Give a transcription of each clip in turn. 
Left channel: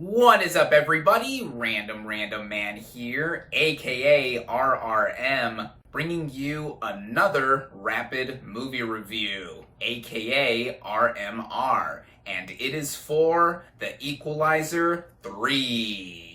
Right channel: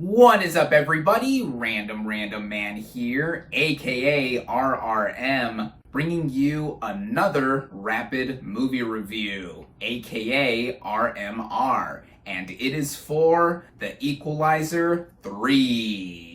What is up, everybody? Random Random Man here, aka RRM, bringing you another rapid movie review, aka RMR, and it is for The Equalizer 3.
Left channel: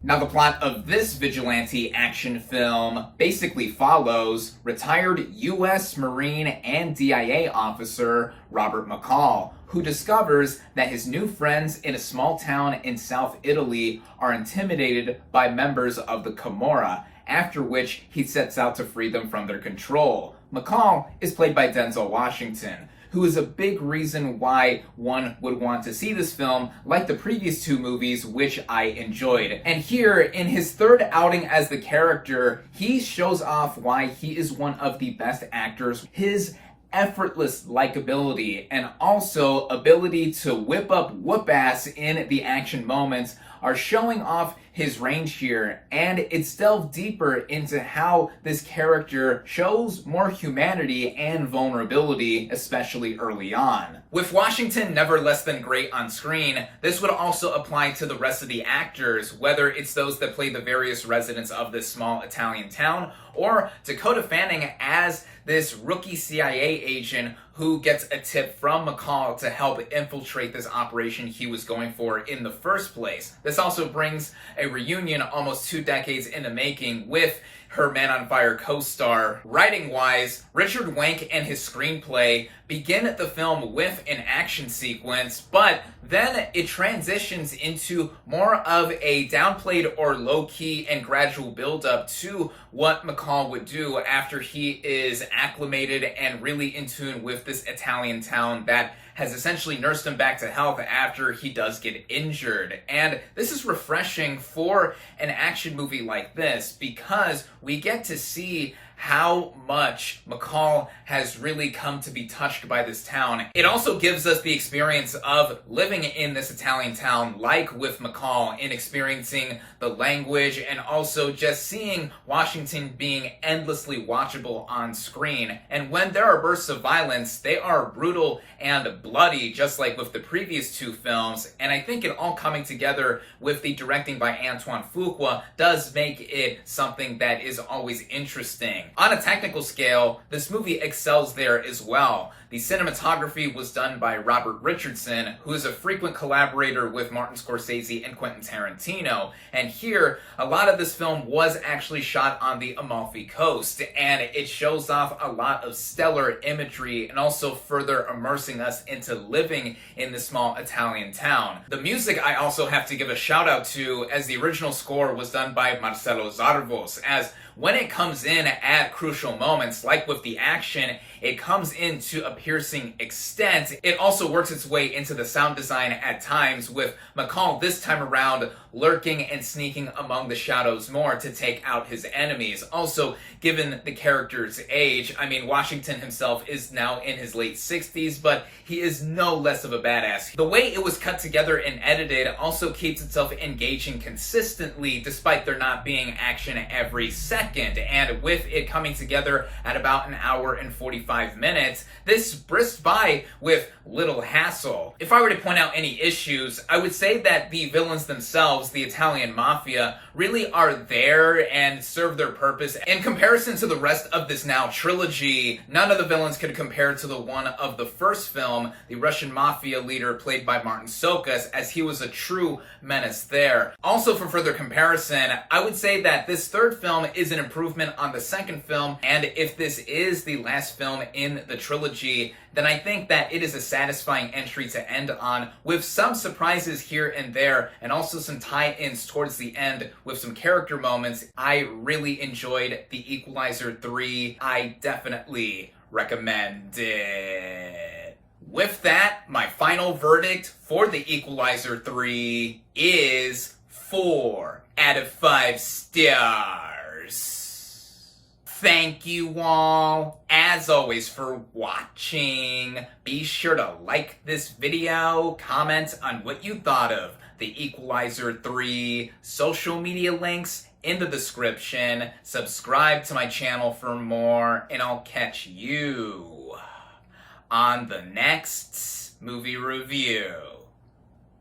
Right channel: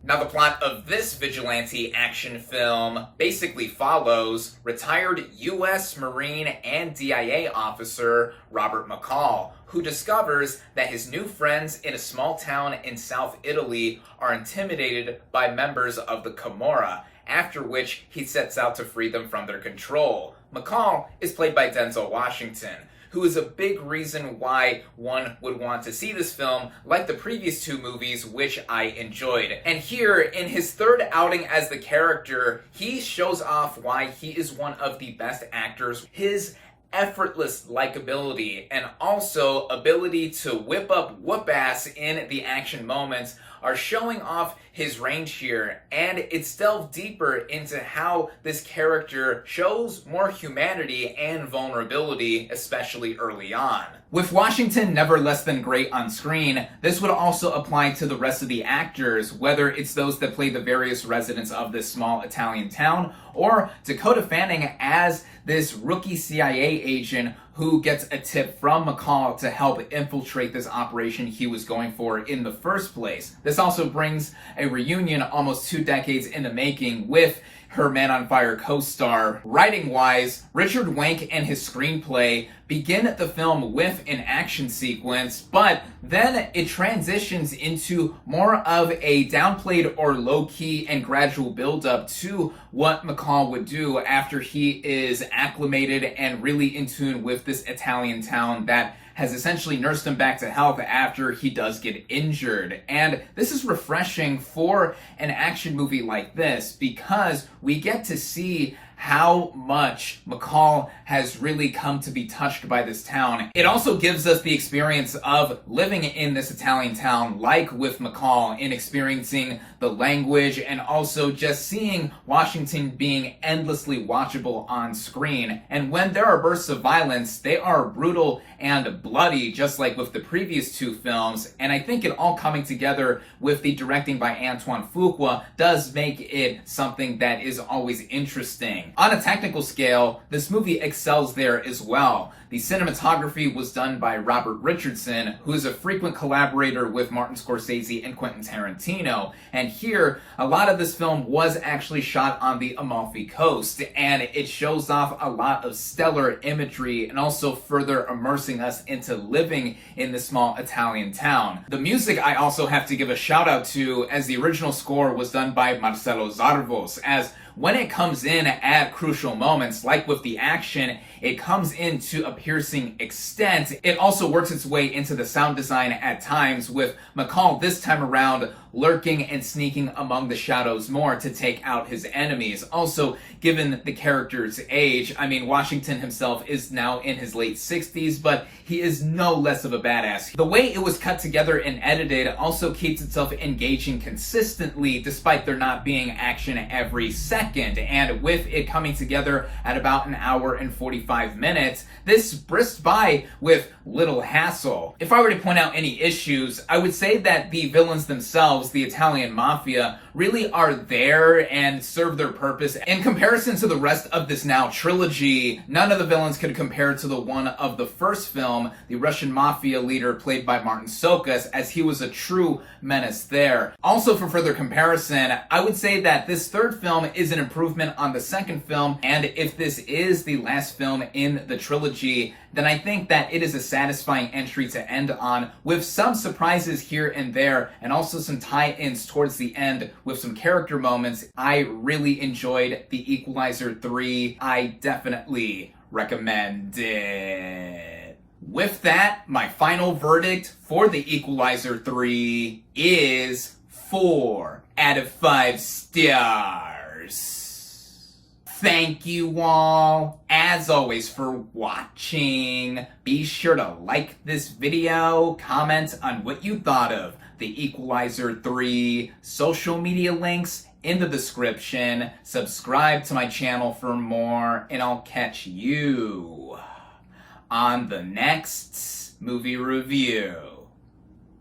Now, the plot of this vigilante action film basically follows retired U.S. Marine and DIA officer Robert McCall, who discovers that his new friends in a small town in South Italy are intimidated by members of the Camorra, after which he sets out to free them from their control. McCall is played by Denzel Washington, who is a big reason why one would want to see this film, like the previous two movies, which I enjoyed. And here, in his third outing as the character, he shows off why he is one of the best actors. His effortless likability and also ability to whip up whoop-ass in the action moments are showing off his range here, and it's delved deeper into how this character shows more humanity and vulnerability, especially early on. With Washington never less than great on screen, this would also apply to the rest of the actors, whether it's those that play the various residents of this small Italian town, or Dakota Fanning as this rookie CIA agent who gets a tip from McCall to help infiltrate this operation he was going for in the first place. This also brings a reunion almost 2 decades in the making with her Man on Fire co-star. Writing-wise, Richard Wenk and his screenplay begin the film with an action sequence, but then it transitions into more of a downplayed or low-key and gradual build-up to what McCall would do after he is acclimated and really in tune with this Italian town that has essentially nursed him back to health after he does get injured. And this is refreshing for an action movie like this because we get to see how much McCall has really come to be touched by this town. It also gives us the experience of living in this Italian town, like with McCall, in experiencing the language and also just seeing Washington being endlessly watchable on screen. And when there are bursts of violence, they are brutal and bloody, just like with the previous two films. And I think it all coming together with the directing by Antoine Fuqua does make it something that is always interesting. On a technical scale, this movie excels there as well. The cinematography was done by Robert Richardson, who is a frequent collaborator with Martin Scorsese and Quentin Tarantino. And here, a lot of this film was actually shot on the Amalfi Coast, and it shows off a lot of stellar imagery and also further immersing us into living in the small Italian town. The music I also have to give a shout out to, as the original score was done by Marcelo Zarvos, as when it comes in at crucial moments, like with the action, it comes in to a piercing extent. It also works its way into the sound design at times, with McCall this time around lurking and sneaking among the shadows more to take out his enemies. Also, given the character's age, I mean, Washington himself is now in his late 60s, but he is no less of a badass. The way it was cut together and edited also keeps itself engaging consistently, despite there not being action every second. And with it coming together at about an hour and 45 minutes, this brisked by with little hassle. If I were to point out any issues, I would say that the villains themselves, the Italian mafia, really are there and serve their purpose. In comparison to the rest of this now trilogy, none of the villains could compare to the one of the first film, the Russian mafia leader played by Martin Sokas, as he was a true menace there. Also, for further comparison, I would say that this third film is an improvement on the second film, and if this is the last film in the trilogy, then I think that it is a satisfying entry to end on, with some surprises here and there, and also some tie-ins towards the end with some character moments. I really enjoyed The Equalizer 3. I definitely recommend it. With that, my final verdict for The Equalizer 3 is 4 out of 5 stars. Thank you all, as always, for watching. Be sure to like this video, comment on what you thought of The Equalizer 3, social media links in the description, subscribe to my channel for more, and I'll catch you on the next movie review.